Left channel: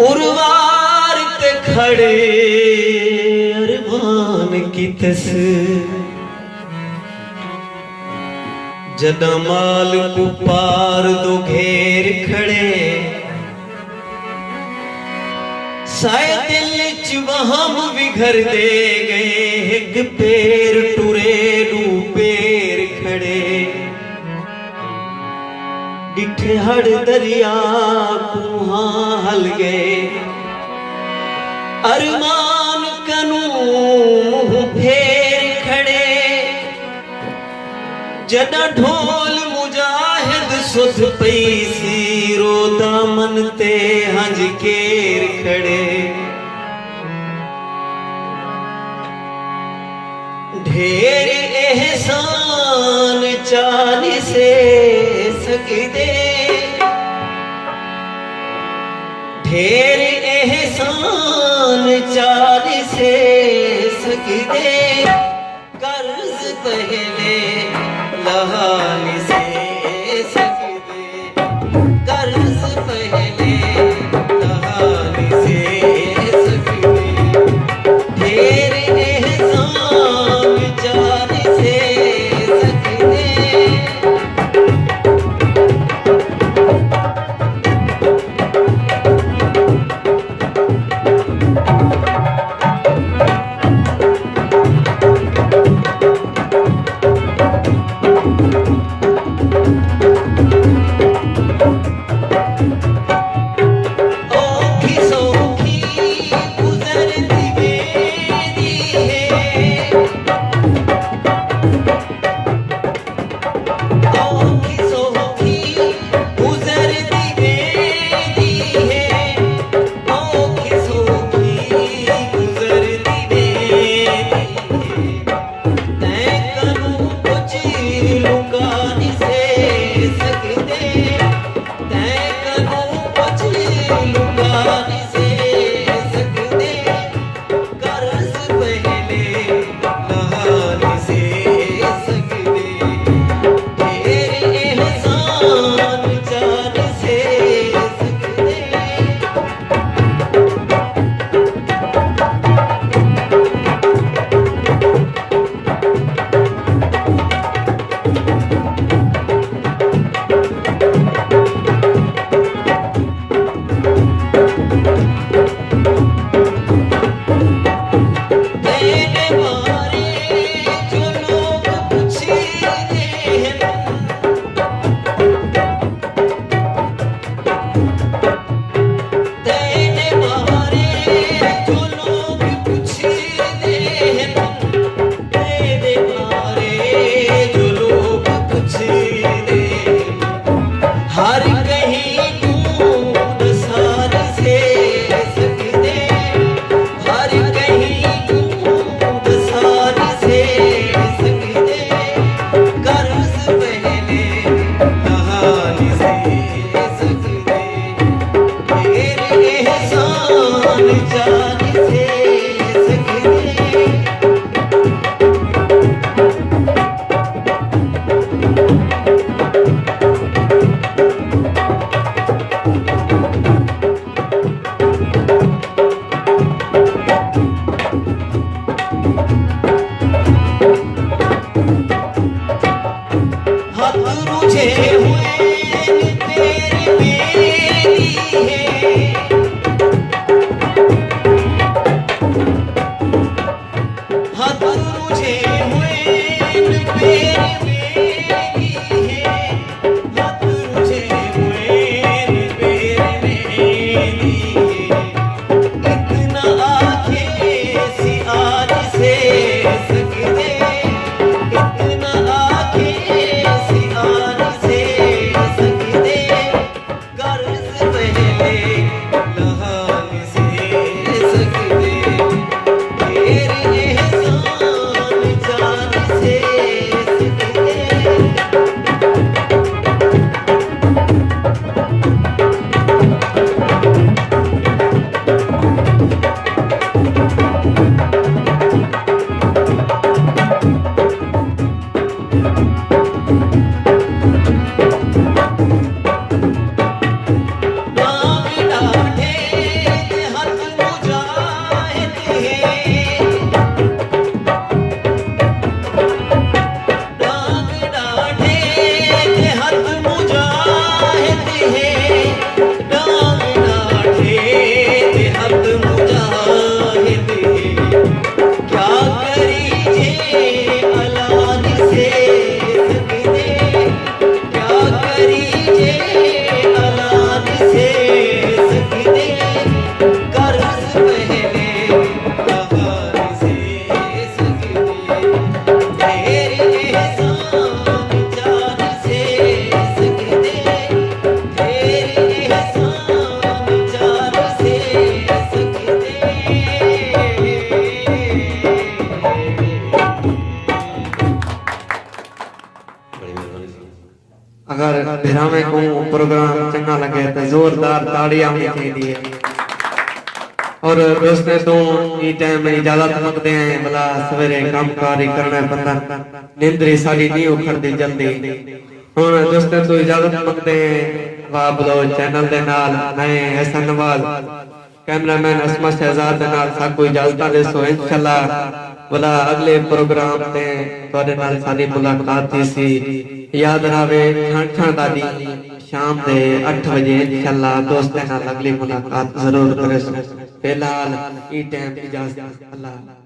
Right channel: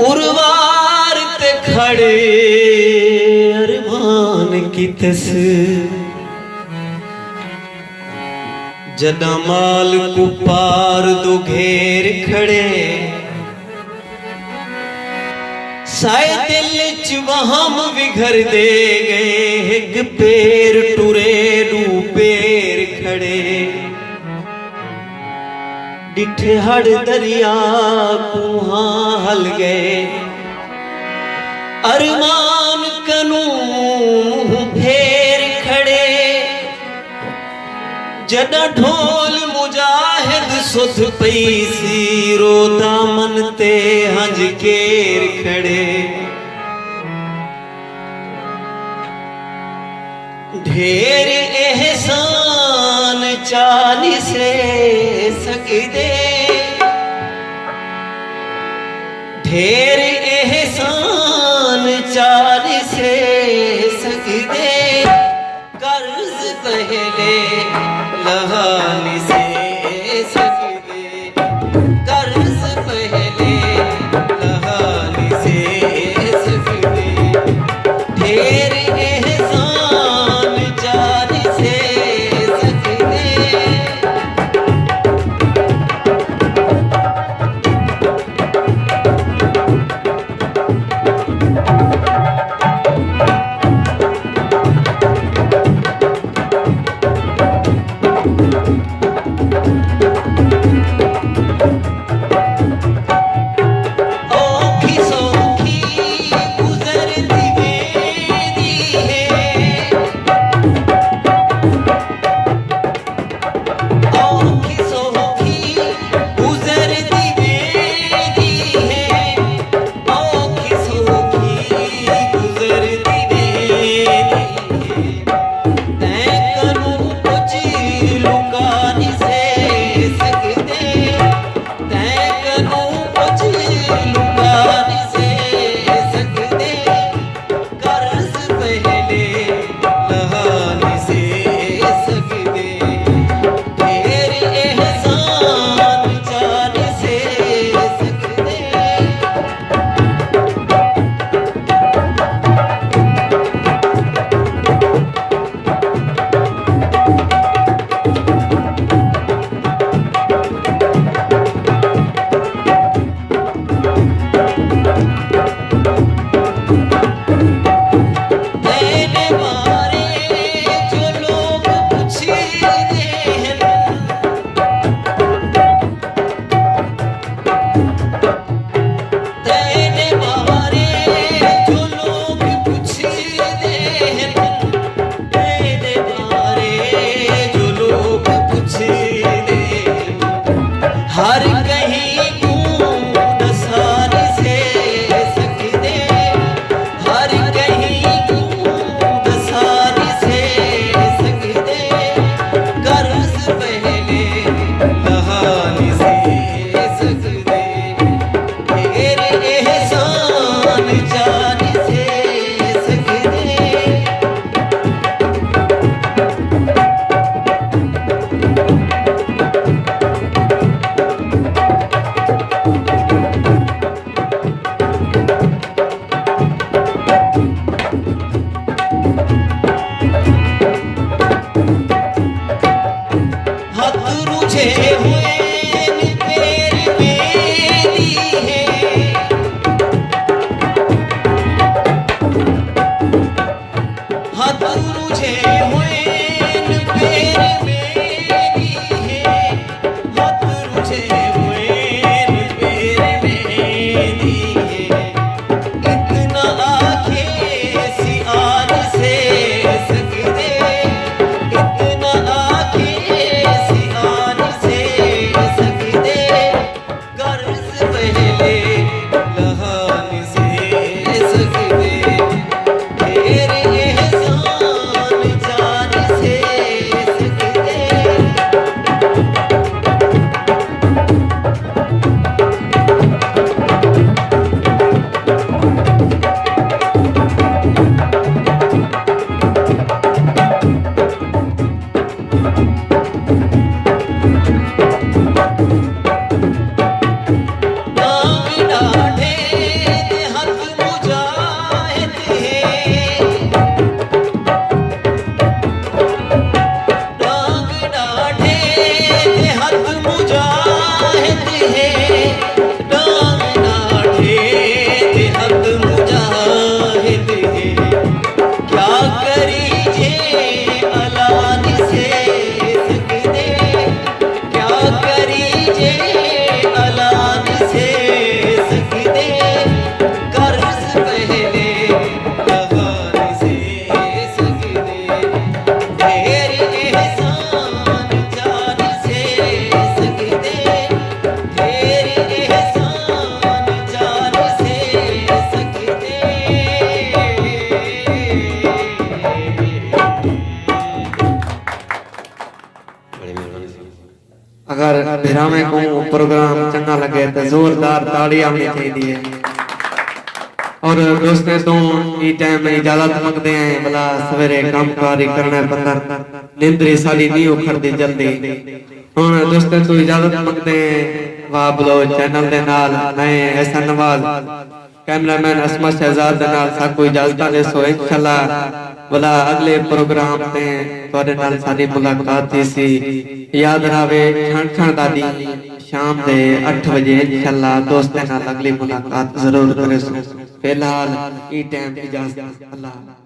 उर्वार ते खड़े अरमान की तस जदमाल को पार दो घेर खड़े साए दिल च वहम विघर दे गए एक पैर टुरे दू पैर खड़े डिठे हड़ दरिया कुहा हल गए अरमान कनू फेर खड़े जद ढोल मुजाहिद सुध पई सी रो दामन ते हंज केर खड़े ढेर एहसान चाली से सकिदे ढेर एहसान चाली से सकिदे कर्ज पहले लहानी से सकिदे कर्ज पहले लहानी से सकिदे ढेर एहसान चाली से सकिदे भिरावे को प्रोग्राम चंगा लगे तो जोरदार ताड़ी आनी चाहिए। और दोस्तों तो ये टाइम में इजाजत मंगते हैं, भला सवेरे कामकारी करना बंदा निंद्री सारी नहीं उखड़ती जल्दी। हुण दोस्तों तो इजाजत मंगते हैं, वाह बोलो चैनल दे नाल मैं ऐसा नवाज कैमरामैन असमत शहजाद दे नाल साकू इजाजत दे सो इंशाल्लाह भला अगले प्रोग्राम ते तुहाडे नाल सारी मुलाकात थी सी। याद रहे छां दादी शाम दे 8 बजे इंशाल्लाह दोस्तों नाल अगली मुलाकात जरूर करे। फिलहाल ई टाइम इजाजत, अल्लाह।